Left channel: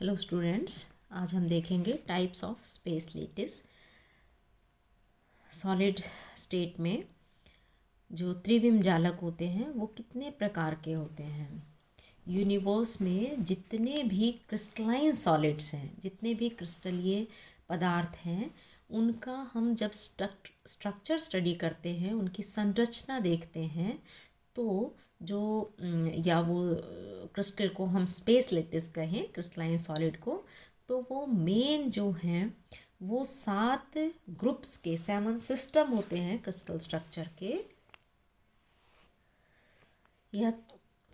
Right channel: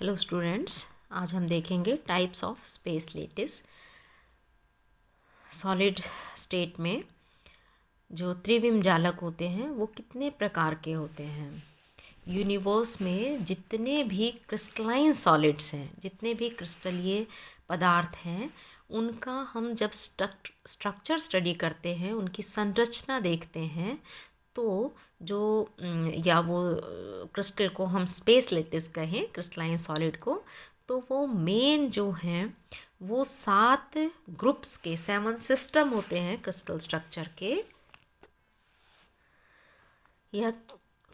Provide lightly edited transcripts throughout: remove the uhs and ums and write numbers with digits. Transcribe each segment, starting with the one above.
Hello students, आज हम देखेंगे types of space lattice. Solid state में जो त्रिविम जालक होते हैं वो कितने प्रकार के होते हैं। यूनिवर्स में जितने भी क्रिस्टलाइन सॉलिड्स हैं, जितने भी क्रिस्टलीय पदार्थ हैं, उनका हम जब स्ट्रक्चर स्टडी करते हैं, उनकी संरचना देखते हैं, तो जो या वो क्रिस्टल को हम स्पेस लेटिस कहें, क्रिस्टलाइन सॉलिड को, तो वो मेन जो हैं वो 7 ग्रुप्स के 7 सिस्टम होते हैं क्रिस्टल स्ट्रक्चर के, या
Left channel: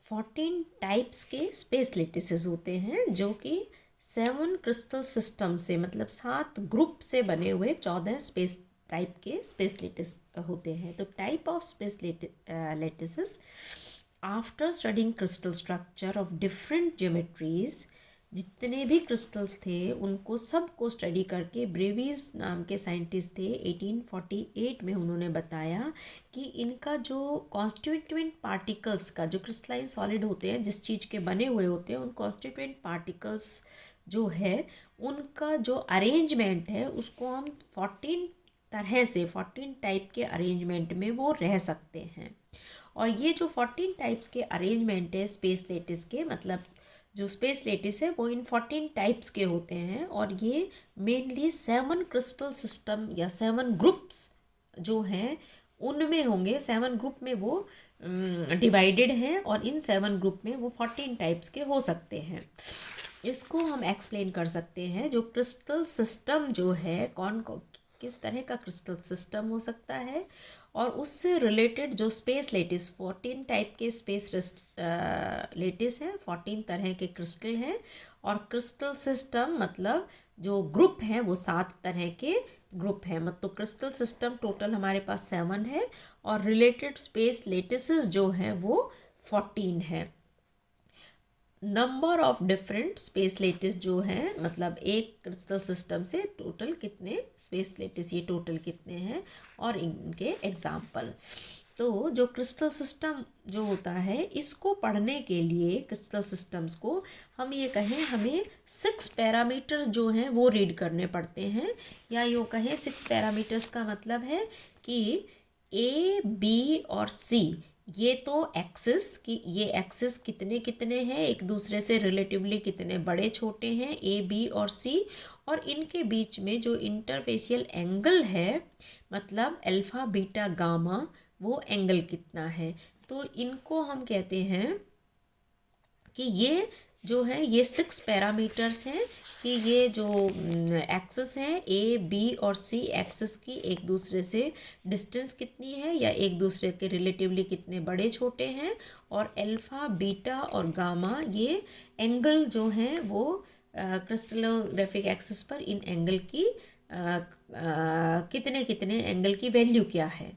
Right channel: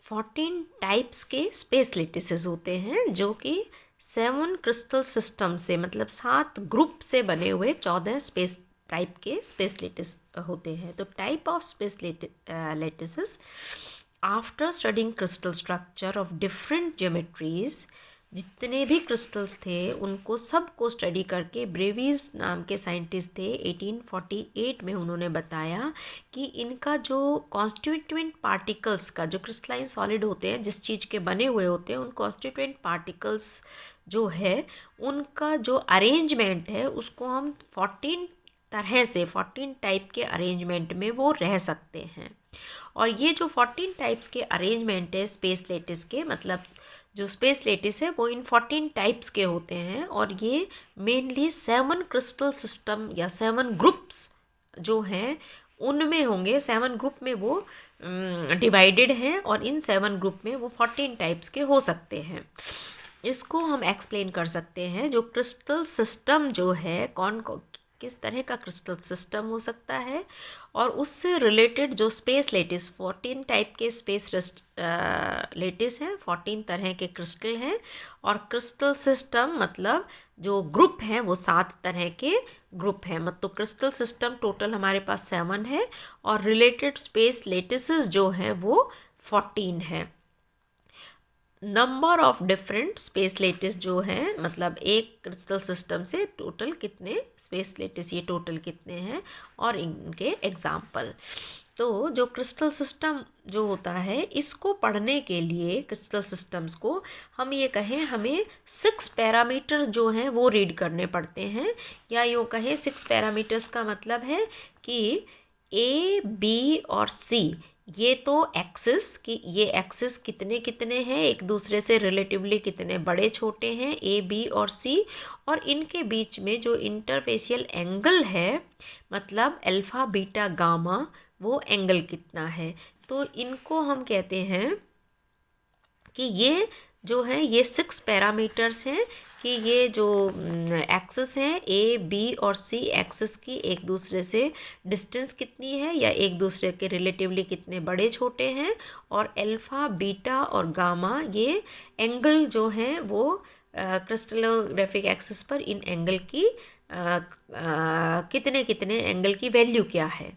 14 टाइप्स के स्पेस लेटिसेस होते हैं, जो कि 7 क्रिस्टल सिस्टम से, मतलब 7 ग्रुप से बने हुए 14 स्पेस टाइप के स्पेस लेटिस होते हैं। तो type of space lattices, after studying crystal structure of different geometries, जितने भी क्रिस्टल्स थे उनको सबको स्टडी करके ब्रेवीज नाम के साइंटिस्ट थे 1848 में, उन्होंने बताया कि इनका जो कॉन्स्टिट्यूएंट पार्टिकल्स का, जो क्रिस्टलाइन सॉलिड होते हैं, जिस चीज़ के बने हुए होते हैं, उन कॉन्स्टिट्यूएंट पार्टिकल्स जो है उनका जो अरेंजमेंट है उसको हम 14 तरह से, 14 टाइप के अरेंजमेंट में वो रह सकते हैं। और ये जो 14 टाइप्स के अरेंजमेंट है स्पेस लेटिस के, मतलब जो स्पेस लेटिस है वो इन 14 टाइप्स के होते हैं, और ये मेनली 7 क्रिस्टल सिस्टम या 7 ग्रुप्स जो हैं उनमें होंगे। 7 ग्रुप में वो डिवाइडेड हैं, और इन 7 ग्रुप में वो 14 टाइप्स के हो सकते हैं। इसको हम एक्सप्लेन कर सकते हैं, जो क्रिस्टल सिस्टम जो है, किस तरह का क्रिस्टल सिस्टम हो सकता है, और उससे रिलेटेड जो स्पेस लेटिस, 14 टाइप के स्पेस लेटिस हैं, 14 तरह के क्रिस्टल हैं, और क्रिस्टल सिस्टम मतलब जो ग्रुप हैं वो 7 तरह के ग्रुप हैं। मतलब क्रिस्टल सिस्टम टोटल हमारे पास 7 है, और रिलेटेड स्पेस लेटिसेस जो हैं वो 14 हैं। Number of different space lattice जो हैं, मतलब एक क्रिस्टल सिस्टम से टोटल कितने स्पेस लेटिस, ये टोटल कितने हैं, और इनके एग्जाम्पल। तो जो क्रिस्टल सिस्टम जो होता है, इसको पढ़ने के लिए क्रिस्टल सिस्टम्स को हम ये कहें, हमें 6 पैरामीटर्स जो हैं वो रीड करने पड़ते हैं, या यूँ कहें 6 पैरामीटर्स का मतलब है कि ए, बी और सी, ये तो एक्सिस कि ये एक्सिस कितने कितने हैं, एक दूसरे से रिलेटिवली कितने बड़े छोटे हैं, ए, बी और सी, और इनके बीच में जो इंटरफेशियल एंगल है, मतलब अल्फ़ा, बीटा, गामा, वो एंगल कितना है। तो इनको हम कहते हैं कि ये जो है ये 6 पैरामीटर्स हैं, कि ये जो एक्सिस हैं, ए, बी और सी एक्सिस की एक दूसरे से डिस्टेंस कितनी है, या एक दूसरे के रिलेटिवली कितने बड़े छोटे हैं, और अल्फ़ा, बीटा और गामा, ये एंगल जो हैं वो क्रिस्टलोग्राफिक एक्सिस पर इन एंगल की कितने कितने एंगल की वैल्यू क्या है।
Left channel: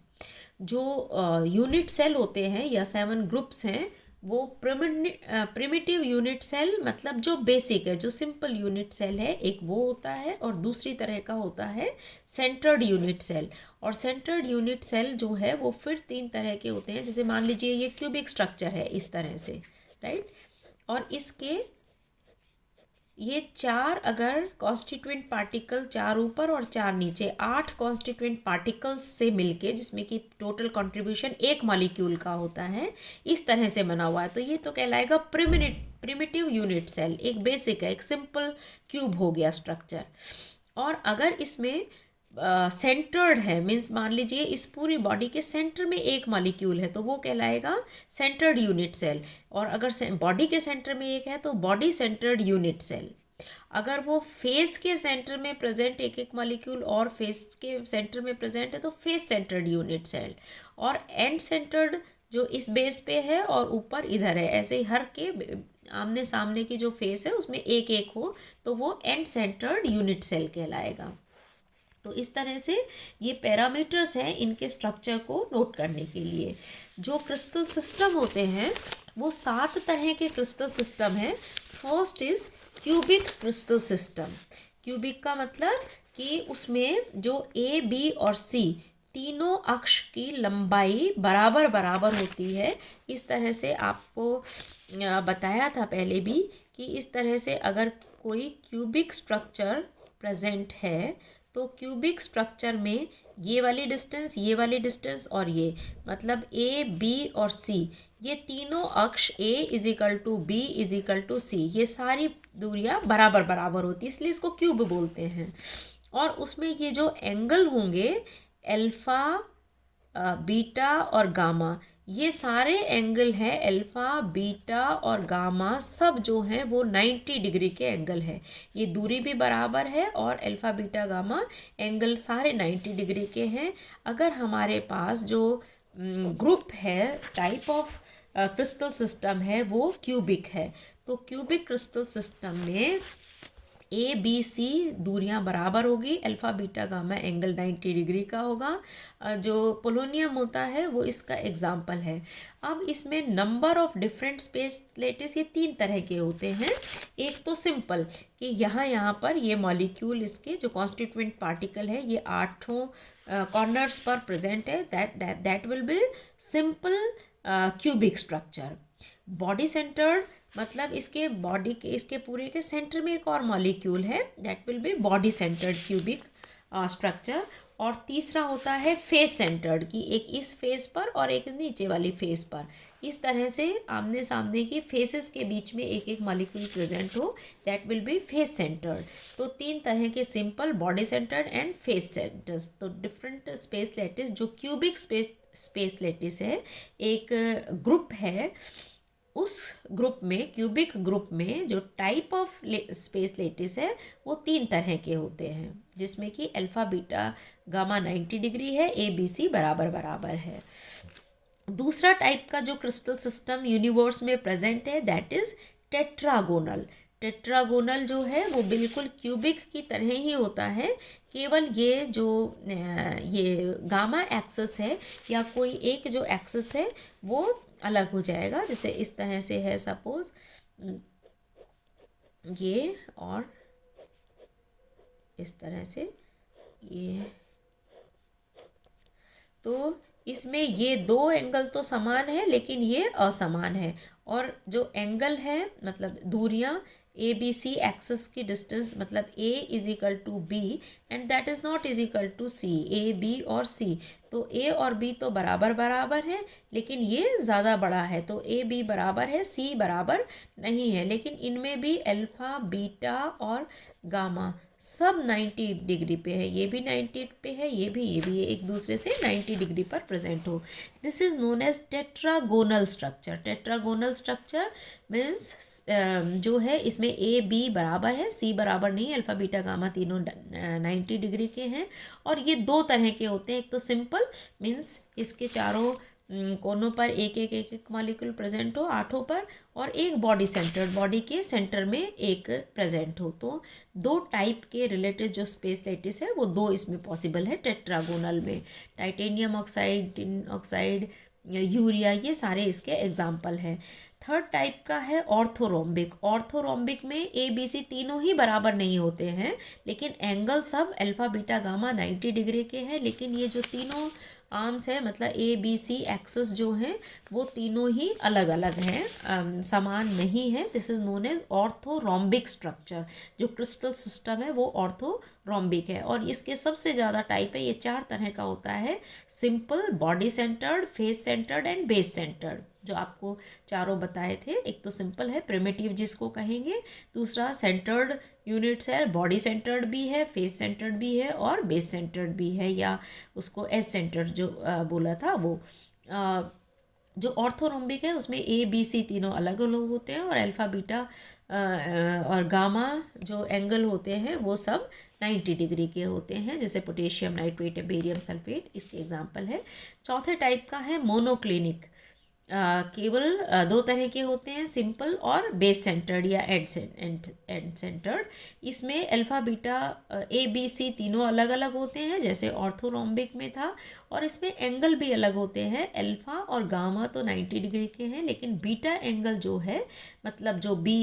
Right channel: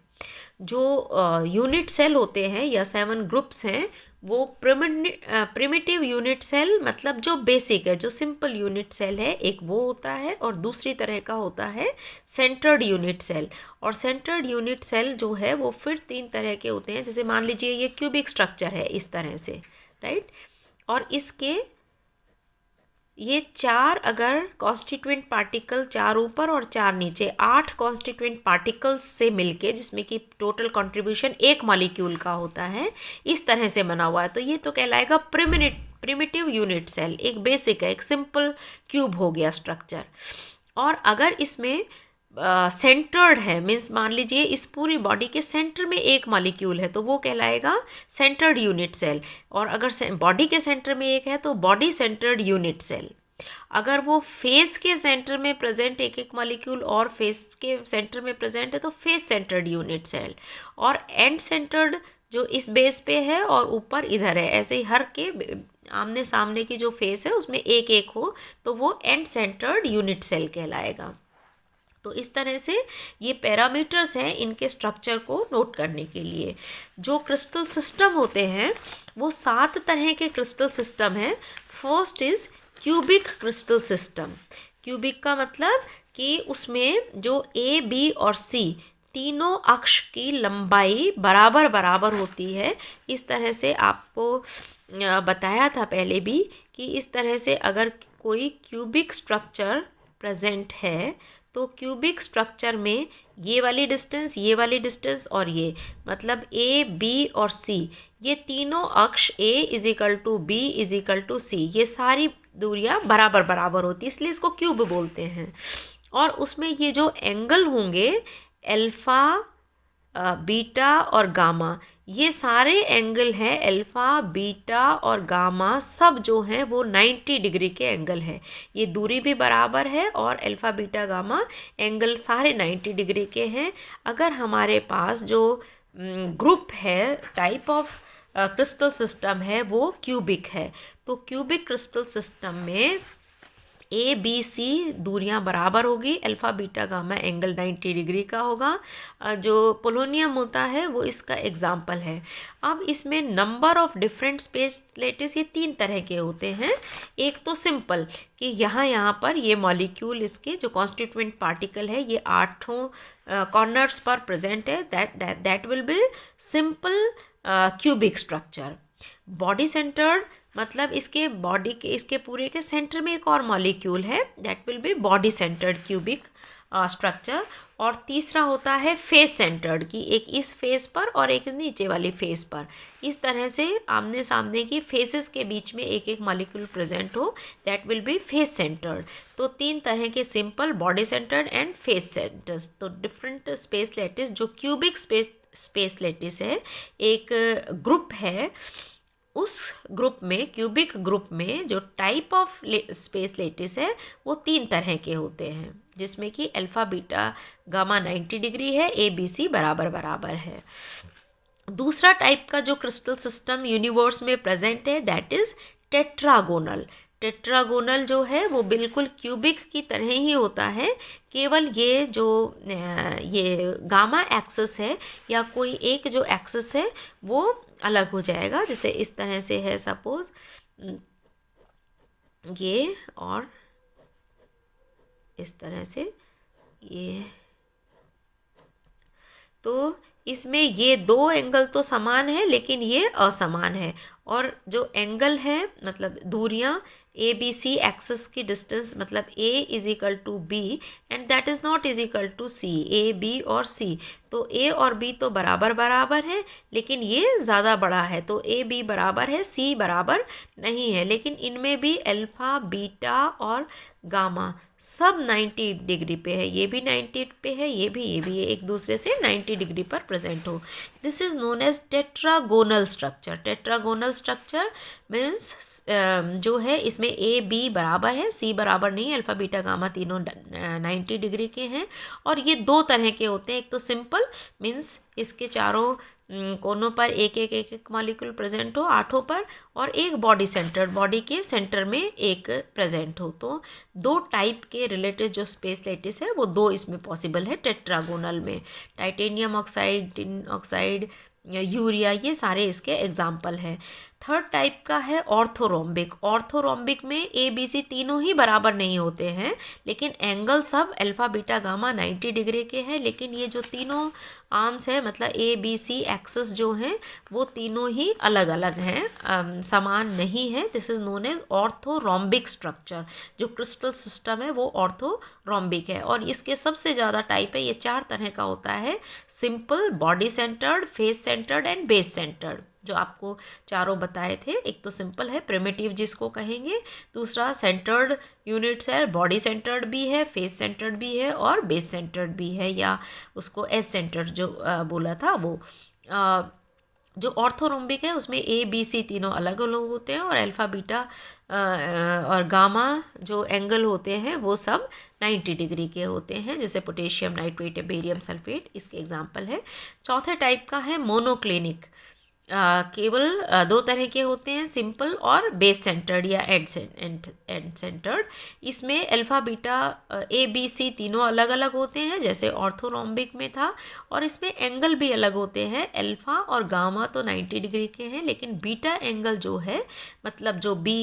जो यूनिट सेल होते हैं या 7 ग्रुप्स हैं, वो प्रिमिटिव यूनिट सेल, मतलब जो बेसिक है, जो सिंपल यूनिट सेल है, एक वो होता है, और दूसरी तरह का होता है सेंटर्ड यूनिट सेल। और सेंटर्ड यूनिट सेल जो है वो फिर 3 तरह के होते हैं। जैसे मान लीजिए ये क्यूबिक स्ट्रक्चर है इस तरह से, राइट, और इसके ये 4 अगर कॉन्स्टिट्यूएंट पार्टिकल, 4 ऊपर और 4 नीचे, 8 कॉन्स्टिट्यूएंट पार्टिकल्स से मिलके, जिसमें कि टोटल कंट्रीब्यूशन 1 मॉलिक्यूल का होता है, इस तरह से बना हुआ है, तो ये तो कहलाएगा प्रिमिटिव यूनिट सेल। एक बेसिक है, एक सिंपल क्यूब हो गया स्ट्रक्चर। और अगर इसमें सेंटर्ड है, मीन्स मान लीजिए इस पूरी बॉडी के सेंटर में एक मॉलिक्यूल है, तो वो कहलाएगा सेंटर्ड यूनिट सेल। और अगर बॉडी के सेंटर में एक है तो बॉडी सेंटर्ड यूनिट सेल। अगर वो फेस के सेंटर में प्रेजेंट एक एक मॉलिक्यूल और फेस के सेंटर में प्रेजेंट है तो फेस सेंटर्ड यूनिट सेल। और एंड सेंटर्ड जो इस बेस पे है और ऊपर इधर है, ऐसे ही हर के आमने सामने की जो फेस है उसमें एक एक हो, तो वो एंड सेंटर्ड यूनिट सेल कहलाएगा। तो इस तरह से ये पैरामीटर्स हैं इनके स्ट्रक्चर को नोट करने के लिए। जो क्रिस्टल सिस्टम होते हैं वो 7 तरह के क्रिस्टल सिस्टम हैं। First is cubic crystal system. Cubic का मतलब कि उसमें जो ए, बी और सी तीनों अक्ष की लंबाई बराबर बराबर होती है। इस तरह से आपको बताया था पहले भी कि इस तरह से अगर कोई क्यूबिक स्ट्रक्चर प्रेजेंट है तो क्यूबिक स्ट्रक्चर में ये वाली डिस्टेंस और ये मतलब ए बी और सी, ये तीनों अक्ष A is equal to B is equal to C, ये सारी दूरियां बराबर बराबर होती है, इसलिए इसको क्यूब बोलते हैं। और उसमें ये जो एंगल होंगे अल्फ़ा, बीटा और गामा, ये सारे एंगल हैं अल्फ़ा, बीटा और गामा, सब जो हैं वो 90 डिग्री के एंगल है। ये दूरी भी बराबर है और अल्फ़ा, बीटा, गामा एंगल सारे 90 डिग्री के हैं। अगर हमारे पास जो ग्रुप है, टाइप ऑफ क्रिस्टल सिस्टम है, वो क्यूबिक है, तो क्यूबिक क्रिस्टल सिस्टम में ए बी सी दूरियां बराबर होगी, alpha, beta, gamma angle 90 degree का होगा। जो पोलोनियम होता है वो इसका एग्जाम्पल है। अब इसमें number of different space lattice ये 3 तरह के होते हैं। एक तो सिंपल कि यहाँ पर ये मॉलिक्यूल, इसके जो कॉन्स्टिट्यूएंट पार्टिकल है ये 8 कॉर्नर्स पर प्रेजेंट है, that will be simple cubic structure. Body centred मतलब इसके बॉडी के, इसके पूरे के सेंटर में एक और मॉलिक्यूल है, that will be body centred cubic structure. और तीसरा होता है फेस सेंटर्ड, की एक इस फेस पर और एक नीचे वाली फेस पर, इस तरह से आमने सामने की फेसेस के बीच में एक एक मॉलिक्यूल प्रेजेंट हो, that will be face centred. तो 3 तरह के simple, body centred and face centres. तो डिफरेंट स्पेस लेटिस, जो क्यूबिक स्पेस लेटिस है, एक ग्रुप है, उस ग्रुप में, क्यूबिक ग्रुप में जो टाइप ऑफ स्पेस लेटिस है वो 3 तरह के होते हैं, जिसमें कि अल्फ़ा, बीटा, गामा 90 डिग्री है, ए बी सी बराबर बराबर है। दूसरा टाइप का जो क्रिस्टल सिस्टम यूनिवर्स में प्रेजेंट है, दैट इज़ टेट्रागोनल। टेट्रागोनल जो है वो बिल्कुल क्यूबिक की तरह ही होता है, केवल ये जो ये गामा एक्सिस है या कोई एक जो एक्सिस है वो अलग हो जाएगा। जैसे इस तरह से है सपोज ये, और इस तरह से ये, तो इसमें ये 2 एंगल तो समान है लेकिन ये असमान है, और जो एंगल है मतलब दूरियां ए बी सी एक्सिस की डिस्टेंस, मतलब A is equal to B and that is not is equal to C, A B और सी, तो ए और बी तो बराबर बराबर है लेकिन ये ज़्यादा बड़ा है, तो ए बी बराबर है, सी बराबर नहीं है। लेकिन इनमें भी अल्फ़ा, बीटा और गामा सब 90 डिग्री पे है, ये भी 90 पे है, ये भी एक दूसरे से 90 डिग्री पर प्रेजेंट हो। This is known as tetragonal structure. Tetragonal structure means जो है इसमें ए बी बराबर है, सी बराबर नहीं, अल्फ़ा, बीटा, गामा तीनों 90 डिग्री के हैं। और ये 2 तरह के होते हैं, एक तो सिंपल मीन्स इसके चारों कोनों पर एक एक मॉलिक्यूल प्रेजेंट हो 8 पर, और एक बॉडी सेंटर, बॉडी के सेंटर में एक प्रेजेंट हो। तो 2 टाइप के रिलेटेड जो स्पेस लेटिस है वो 2 इसमें पॉसिबल है टेट्रागोनल में। Titanium oxide, tin oxide, urea, ये सारे इसके एग्जाम्पल हैं। थर्ड टाइप का है ऑर्थोरोम्बिक। ऑर्थोरोम्बिक में ए बी सी तीनों ही बराबर नहीं होते हैं, लेकिन एंगल सब अल्फ़ा, बीटा, गामा 90 डिग्री के हैं, लेकिन ये जो तीनों आर्म्स हैं मतलब ए बी सी एक्सिस जो हैं वो तीनों ही अलग अलग हैं, समान नहीं है। This is known as orthorhombic structure. जो क्रिस्टल सिस्टम है वो ऑर्थोरोम्बिक है, और इसके सबसे ज़्यादा टाइप है, ये 4 तरह का होता है, simple, body centred, face centred and base centred, जो आपको चारों बताए थे। एक तो सिंपल है, प्रिमिटिव जिसको कहेंगे, दूसरा सेंटर्ड यूनिट्स है, बॉडी सेंटर्ड भी है, फेस सेंटर्ड भी है और बेस सेंटर्ड भी है, या उसको एस सेंटर्ड जो बोला था वो। जो ऑर्थोरोम्बिक है उसमें ए बी सी तीनों अलग अलग होते हैं, और अल्फ़ा, बीटा और गामा जो एंगल होते हैं वो सब 90 डिग्री के होते हैं, जैसे पोटेशियम नाइट्रेट, बेरियम सल्फेट इसके एग्जांपल है। चौथे टाइप का है मोनोक्लिनिक। केवल 2 तरह के होते हैं, सिंपल और बेस सेंटर्ड या एंड सेंटर्ड। इसमें alpha, beta, A B C तीनों अलग अलग होते हैं जैसे ऑर्थोरोम्बिक में था, और इसमें एंगल भी अलग होते हैं। अल्फ़ा और गामा तो 90 डिग्री के हैं, लेकिन बीटा एंगल जो है मतलब जो बी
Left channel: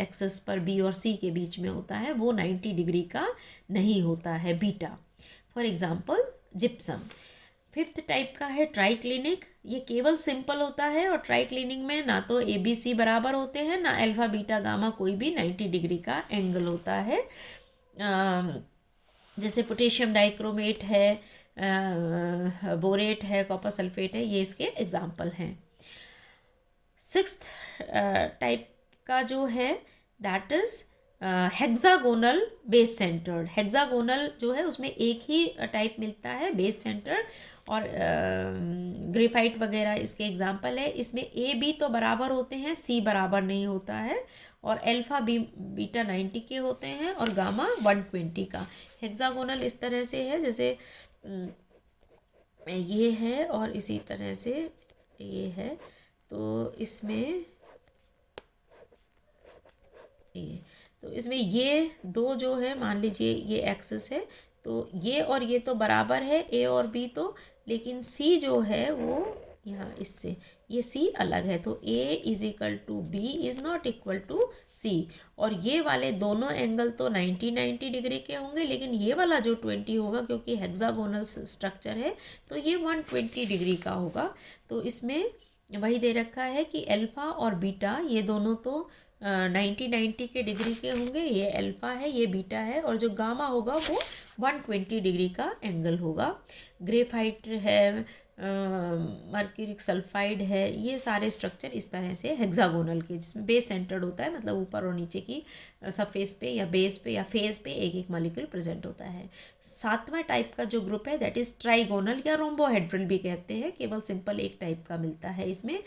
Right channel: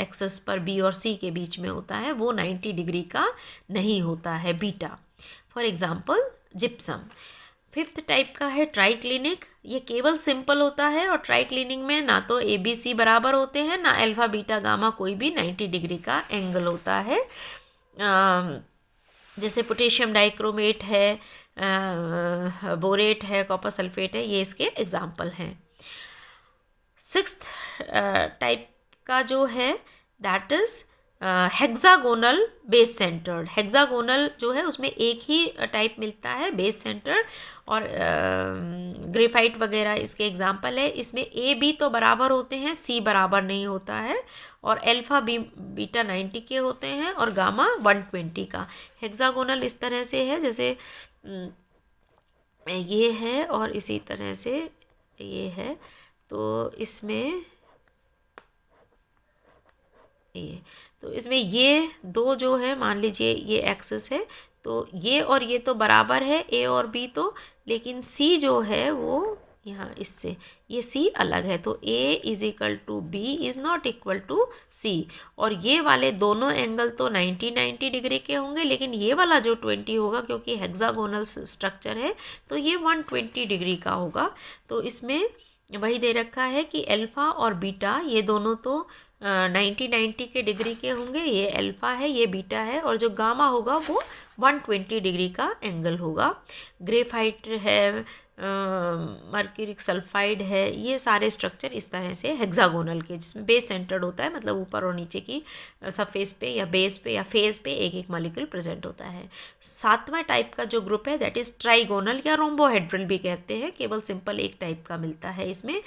एक्सिस पर बी और सी के बीच में होता है वो 90 डिग्री का नहीं होता है beta. For example gypsum. Fifth type का है ट्राइक्लिनिक। ये केवल सिंपल होता है और ट्राइक्लिनिक में ना तो ABC बराबर होते हैं ना अल्फा बीटा गामा कोई भी 90 डिग्री का एंगल होता है। जैसे पोटेशियम डाइक्रोमेट है, बोरेट है, कॉपर सल्फेट है, ये इसके एग्जाम्पल हैं। सिक्स्थ टाइप का जो है that is hexagonal base centred. Hexagonal जो है उसमें एक ही टाइप मिलता है बेस सेंटर्ड, और ग्रेफाइट वगैरह इसके एग्जाम्पल है। इसमें AB तो बराबर होते हैं, C बराबर नहीं होता है, और अल्फ़ा बीटा 90 के होते हैं और गामा 120 का। हेक्सागोनल इस तरह से है जैसे ये है और इसी तरह से ये है, तो इसमें ये दो जो है, मान लीजिए ये एक्सिस है, तो ये और ये तो बराबर है A और B तो, लेकिन C जो है वो यहाँ इससे ये C अलग है, तो A is equal to B is not equal to C। और ये वाले दोनों एंगल तो 90 डिग्री के होंगे, लेकिन ये वाला जो 20 होगा क्योंकि हेक्सागोनल स्ट्रक्चर है तो ये 120 डिग्री का होगा। तो इसमें वही दे रखा है कि अल्फ़ा और बीटा ये दोनों तो 90 के डिग्री के होंगे, ये अल्फ़ा है ये बीटा है, और जो गामा होगा वो 120 डिग्री का एंगल होगा। ग्रेफाइट है, मर्क्यूरिक सल्फाइड है, ये सारे स्ट्रक्चर इस तरह से हेक्सागोनल के, जिसमें बेस सेंटर्ड होता है, मतलब ऊपर और नीचे की सरफेस पे या बेस पे या फेस पे एक एक मॉलिक्यूल प्रेजेंट होता है। सातवां टाइप का जो ग्रुप है दैट इज़ ट्राइगोनल या रोम्बोहेड्रल भी कहते हैं, केवल सिंपल एक टाइप का मिलता है। इसमें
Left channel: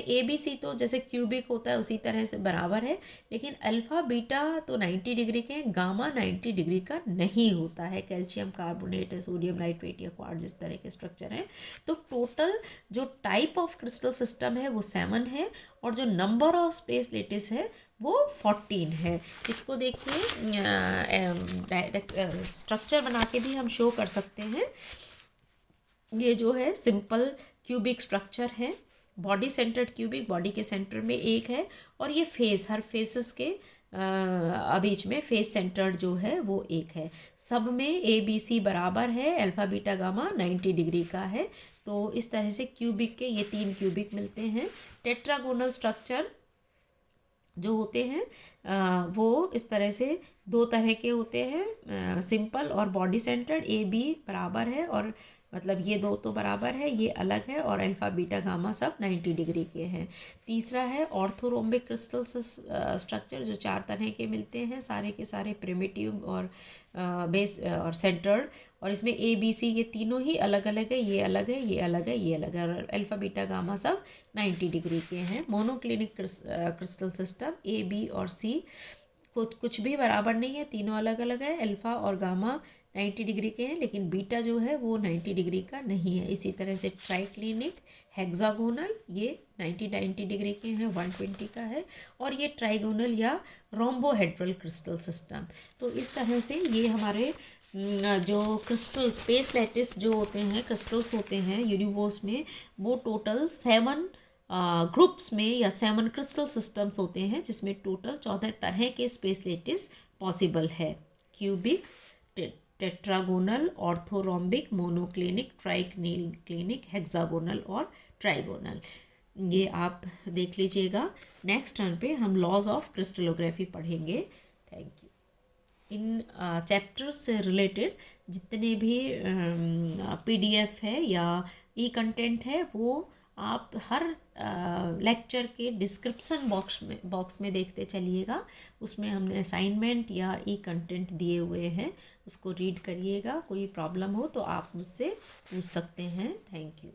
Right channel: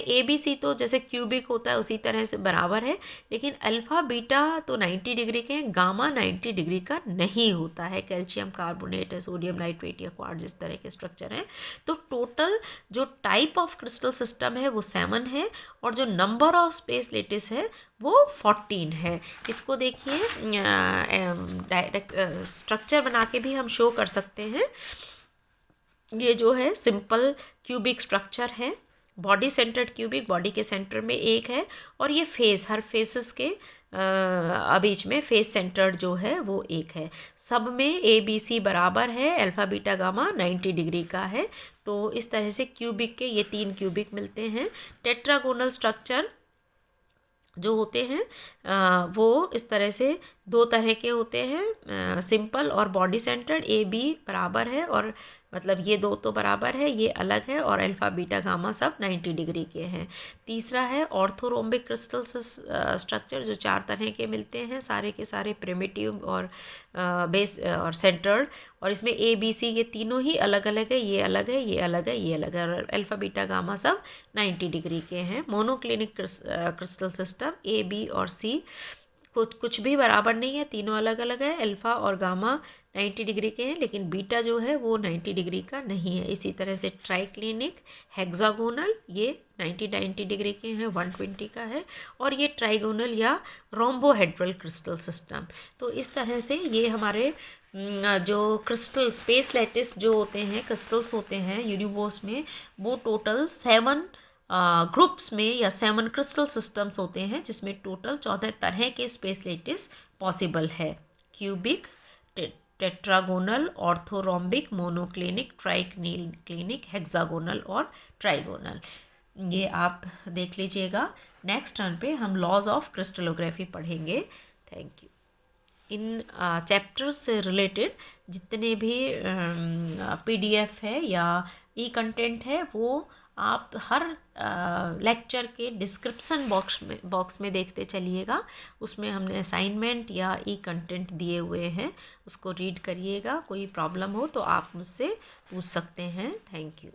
ABC तो जैसे क्यूबिक होता है उसी तरह से बराबर है, लेकिन अल्फ़ा बीटा तो 90 डिग्री के हैं, गामा 90 डिग्री का नहीं होता है। कैल्शियम कार्बोनेट, सोडियम नाइट्रेट या क्वार्ट्ज इस तरह के स्ट्रक्चर हैं। तो टोटल जो टाइप ऑफ क्रिस्टल सिस्टम है वो 7 है, और जो नंबर ऑफ स्पेस लेटिस है वो 14 है। इसको देखिए डायरेक्ट स्ट्रक्चर बना के भी हम शो कर सकते हैं। ये जो है सिंपल क्यूबिक स्ट्रक्चर है, बॉडी सेंटर्ड क्यूबिक, बॉडी के सेंटर में एक है, और ये फेस, हर फेसेस के बीच में फेस सेंटर्ड जो है वो एक है। सब में ABC बराबर है, अल्फ़ा बीटा गामा 90 डिग्री का है। तो इस तरह से क्यूबिक के ये 3 क्यूबिक मिलते हैं। टेट्रागोनल स्ट्रक्चर जो होते हैं वो इस तरह से 2 तरह के होते हैं, सिंपल और बॉडी सेंटर्ड। AB बराबर है, और मतलब ये दो तो बराबर है, ये अलग है, और अल्फ़ा बीटा गामा सब 90 डिग्री के हैं। तीसरा है ऑर्थोरोम्बिक क्रिस्टल स्ट्रक्चर, जो 4 तरह के मिलते हैं, सारे के सारे प्रिमिटिव और बेस और सेंटर्ड, और इसमें ABC ये तीनों ही अलग अलग है, ये अलग है, ये अलग है, ये अलग है, और अल्फ़ा बीटा गामा सब 90 डिग्री के हैं। मोनोक्लिनिक क्रिस्टल सिस्टम AB और C कुछ भी बराबर नहीं है, तीनों अलग अलग है। अल्फ़ा और गामा 90 डिग्री के हैं, लेकिन बीटा जो है वो 90 डिग्री का नहीं है। इसी तरह से ट्राइक्लिनिक, हेक्सागोनल ये 90 डिग्री के हैं, 120 का है, और ये ट्राइगोनल या रोम्बोहेड्रल क्रिस्टल सिस्टम। तो इस तरह से ये हमारे जो क्रिस्टल स्पेस लैटिस जो होते हैं, क्रिस्टल्स होते हैं यूनिवर्स में, वो टोटल 7 ग्रुप्स में या 7 क्रिस्टल सिस्टम्स होते हैं, जिसमें टोटल 14 तरह के स्पेस लैटिस पॉसिबल है। Cubic, tetragonal, orthorhombic, monoclinic, triclinic, hexagonal और ट्राइगोनल। ये आप देख लीजिएगा। नेक्स्ट टर्न पे हम लॉज ऑफ क्रिस्टलोग्राफी पढ़ेंगे। Thank you. इन चैप्टर्स से रिलेटेड जितने भी PDF है या कंटेंट है वो आप हर लेक्चर के डिस्क्रिप्शन बॉक्स में देखते चलिएगा। उसमें हमने असाइनमेंट या कंटेंट दिए हुए हैं, उसको रीड करिएगा। कोई प्रॉब्लम हो तो आप मुझसे पूछ सकते हैं। Thank you.